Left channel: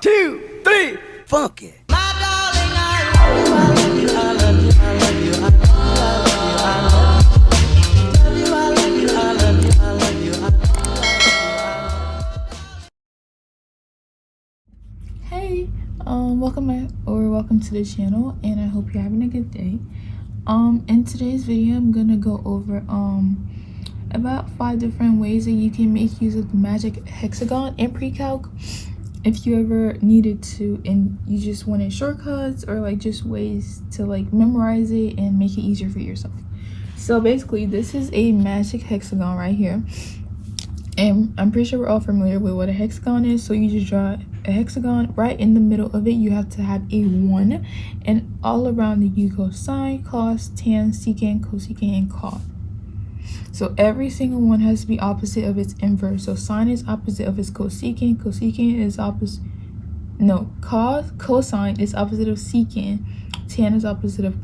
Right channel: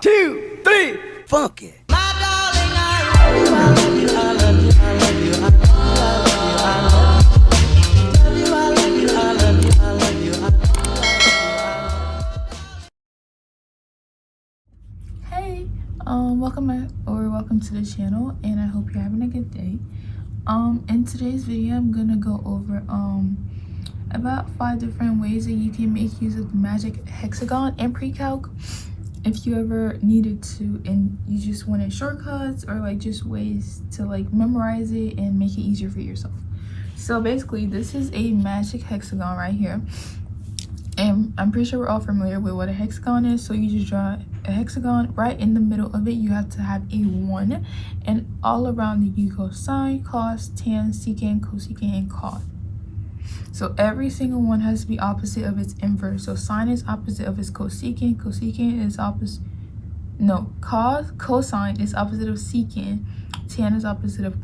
2, 3, funky. Hey, welcome to the channel, and I hope you're having a good day. In today's video, I'm gonna go over about 5 different ways that you can make use of the Magic Hexagon in pre-calc. If you ever needed to, and you just wanted shortcuts or like just ways to like memorize it and make it easier for yourself. So basically, this is a Magic Hexagon right here. And I'm pretty sure we're all familiar with what a hexagon is. So you just draw a hexagon. Right in the middle of it, you have to have a 1. And all around it, you go sine, cos, tan, secant, cosecant, and cot. So every single one has to be opposite of its inverse. So sine is opposite of its cosecant. Cosecant is opposite... No, cosine is opposite of secant. Tan is opposite of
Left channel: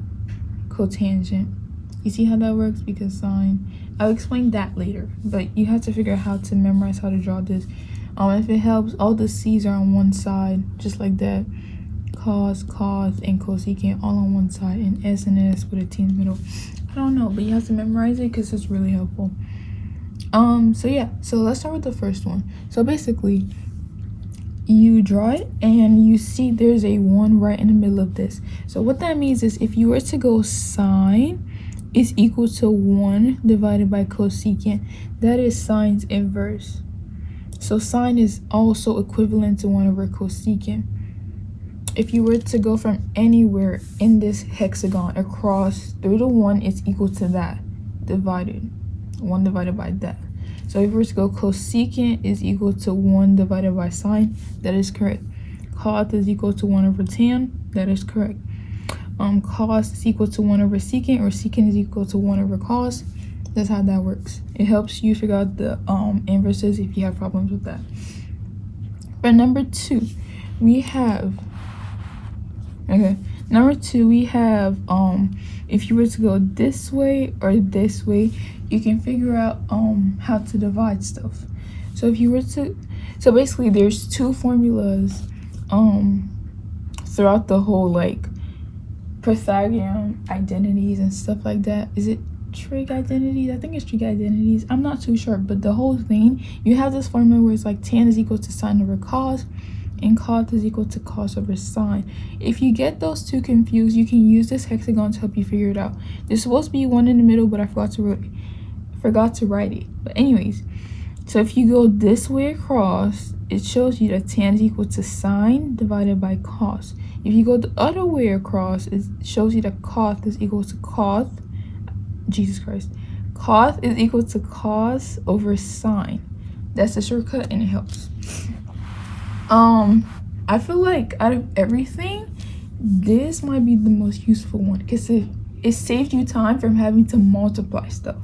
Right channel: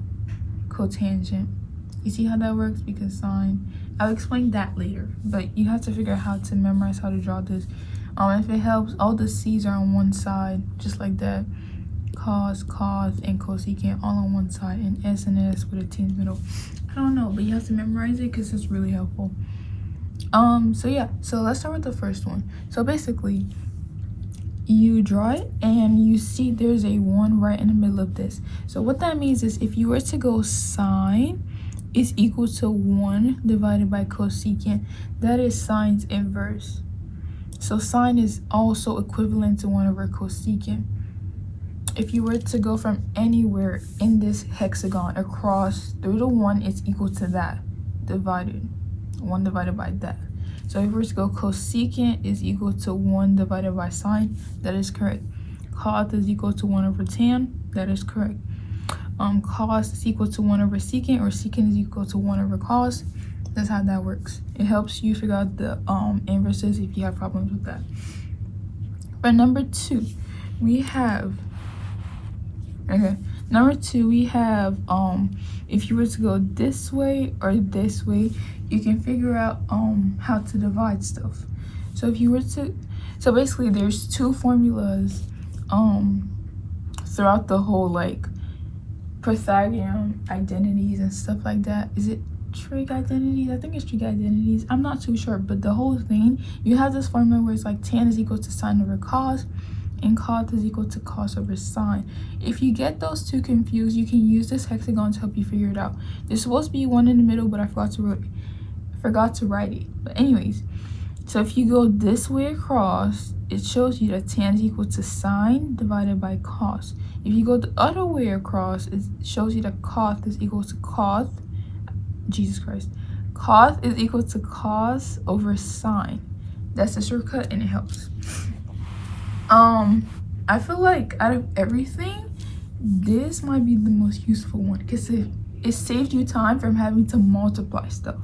cotangent. You see how that works? Because sine... I'll explain that later, but you have to figure out how to memorize how to draw this. If it helps, all the C's are on one side, just like that. Cos, and cosecant all on one side, and S and S with a T in the middle. I don't know, but you have to memorize it because it's really helpful. So let's start with the first one. So basically, you draw it and you see there's a 1 right in the middle of this. So what that means is if you were to go sine is equal to 1 divided by cosecant, that is sine's inverse. So sine is also equivalent to 1 over cosecant. If you were to go from anywhere in this hexagon across through the 1, it's equal to that divided 1 divided by that. So if we were to go cosecant is equal to 1 divided by sine, that is correct. Cot is equal to 1 over tan, that is correct. Cos is equal to 1 over secant, or secant is equal to 1 over cos. That's how that works. It helps you figure out the inverses if you have problems with that. For number 2, we have if you were to go this way or this way, you can figure out how to divide stuff. So if you were to, so basically there's 2 formulas throughout the whole like Pythagorean identities and stuff like that. Is it trig identities? I think it's trig identities. I'm not too sure, but the whole thing, you have this formula where it's like tan is equal to sine over cos, and cot is equal to cos over sine. If you get those 2 confused, you can use this hexagon to help you figure it out. There's supposed to be 1 in the middle, but I forgot to write it. But anyways, so if you go this way across, it shows you that tan is equal to sine divided by cos. If you go the other way across, it shows you that cot is equal to cos. Jesus Christ. Cos is equal to cos over sine. That's the shortcut and it helps. I feel like out of everything, this might be the most useful one because it saves you time from having to multiply stuff.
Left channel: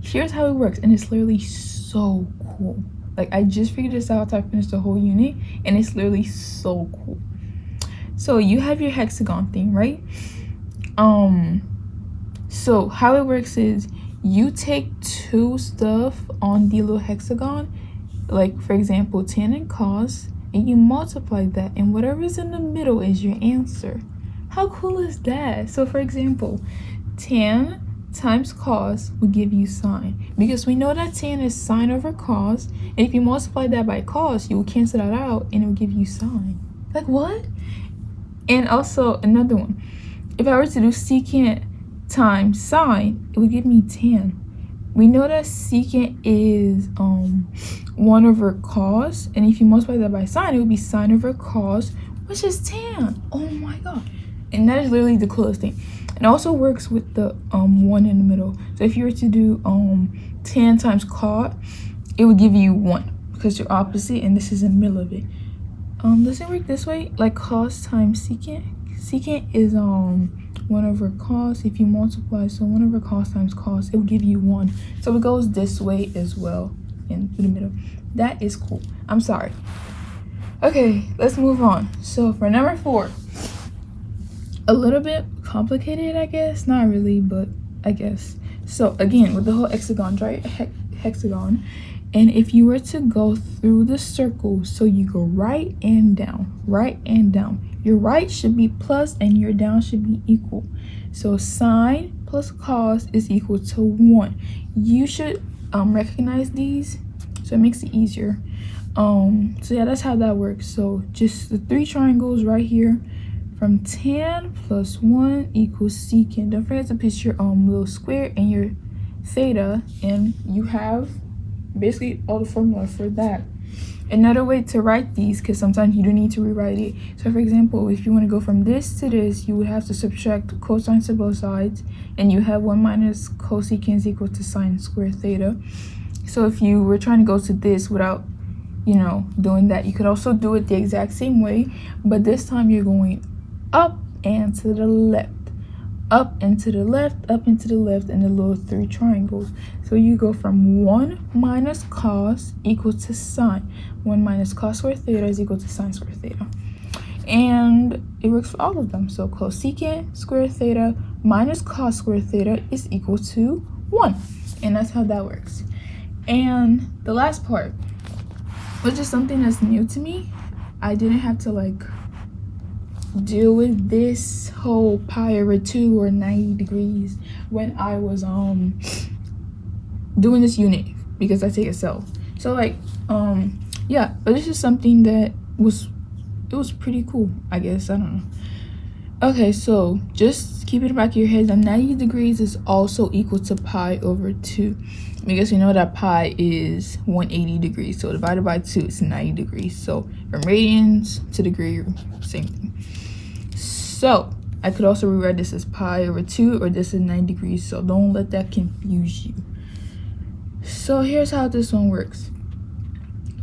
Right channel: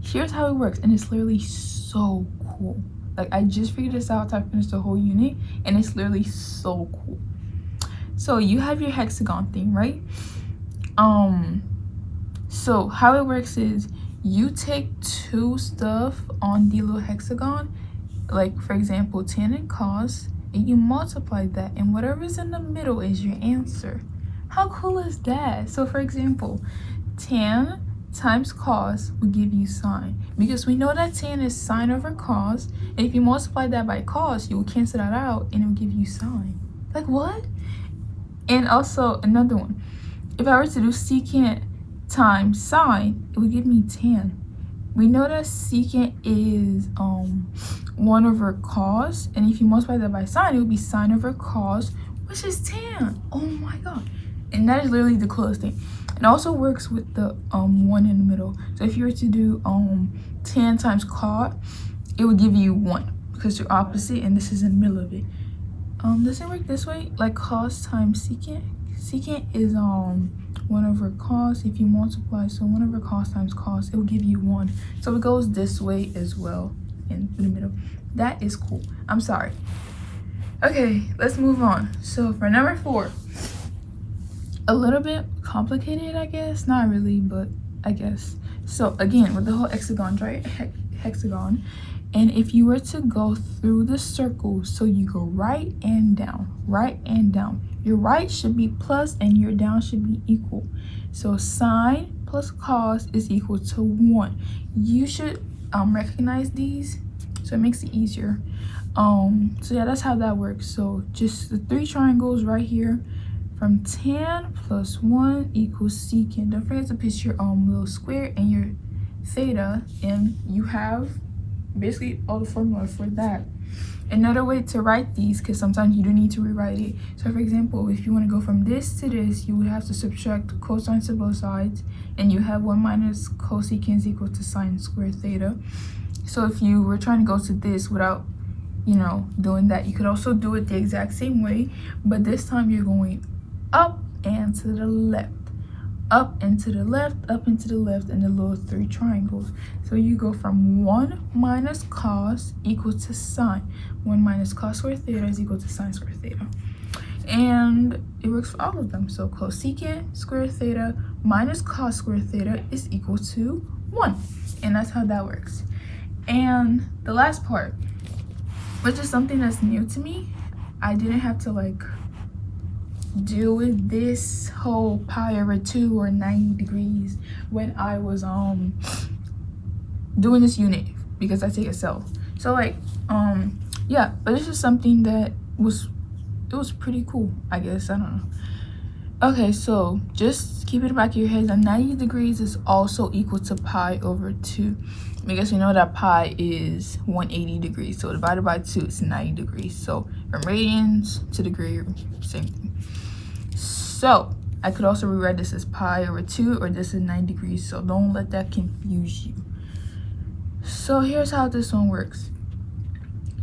Here's how it works, and it's literally so cool. Like, I just figured this out after I finished the whole unit, and it's literally so cool. So you have your hexagon thing, right? So how it works is you take 2 stuff on the little hexagon, like for example tan and cos, and you multiply that, and whatever's in the middle is your answer. How cool is that? So for example, tan times cos will give you sine, because we know that tan is sine over cos, and if you multiply that by cos, you will cancel that out and it will give you sine. Like, what? And also another one, if I were to do secant times sine, it would give me tan. We know that secant is 1 over cos, and if you multiply that by sine, it would be sine over cos, which is tan. Oh my god. And that is literally the coolest thing. It also works with the 1 in the middle. So if you were to do tan times cot, it would give you 1 because you're opposite and this is in the middle of it. Does it work this way? Like cos times secant? Secant is 1 over cos. If you multiply, so 1 over cos times cos, it will give you 1. So it goes this way as well in the middle. That is cool. I'm sorry. Okay, let's move on. So for number 4, a little bit complicated, I guess. Not really, but I guess. So again, with the whole hexagon, right? Hexagon, And if you were to go through the circle, so you go right and down, right and down. Your right should be plus and your down should be equal. So sine plus cos is equal to 1. You should recognize these, so it makes it easier. So yeah, that's how that works. So just the 3 triangles right here, from tan plus 1 equals secant. Don't forget to put your little square and your theta, and you have basically all the formula for that. Another way to write these, because sometimes you do need to rewrite it. So for example, if you want to go from this to this, you would have to subtract cosine to both sides, and you have 1 minus cosecant is equal to sine squared theta. So if you were trying to go to this without, you know, doing that, you could also do it the exact same way, but this time you're going up and to the left, up and to the left, up and to the left, and the little 3 triangles. So you go from 1 minus cos equal to sine. 1 minus cos squared theta is equal to sine squared theta. And it works for all of them. So cosecant squared theta minus cos squared theta is equal to 1. And that's how that works. And the last part, which is something that's new to me, I didn't have to like deal with this whole pi over 2 or 90 degrees when I was doing this unit, because I take Excel. So like yeah, but it's just something that was pretty cool, I guess. I don't know. Okay, so just keep it in the back of your head that 90 degrees is also equal to pi over 2, because you know that pi is 180 degrees, so divided by 2 is 90 degrees. So from radians to degree, same thing. So I could also rewrite this as pi over 2, or this is 90 degrees, so don't let that confuse you. So here's how this one works.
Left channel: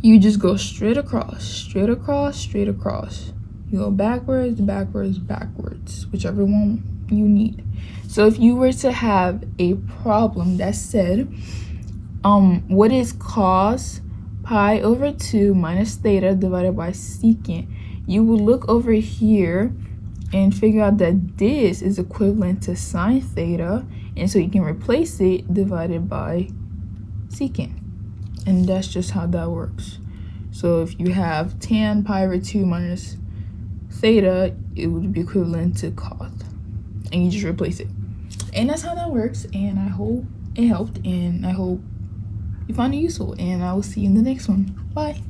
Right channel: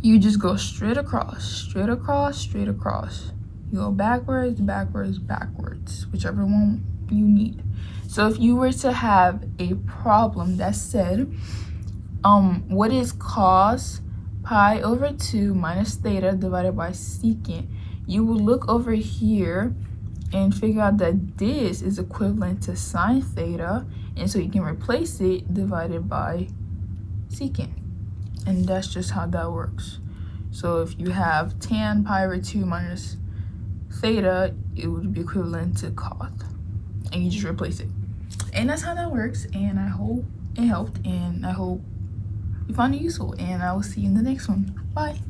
You just go straight across, straight across, straight across. You go backwards, backwards, backwards, whichever one you need. So if you were to have a problem that said, what is cos pi over 2 minus theta divided by secant, you would look over here and figure out that this is equivalent to sine theta, and so you can replace it divided by secant. And that's just how that works. So if you have tan pi over 2 minus theta, it would be equivalent to cos, and you just replace it. And that's how that works, and I hope it helped, and I hope you found it useful, and I will see you in the next one. Bye.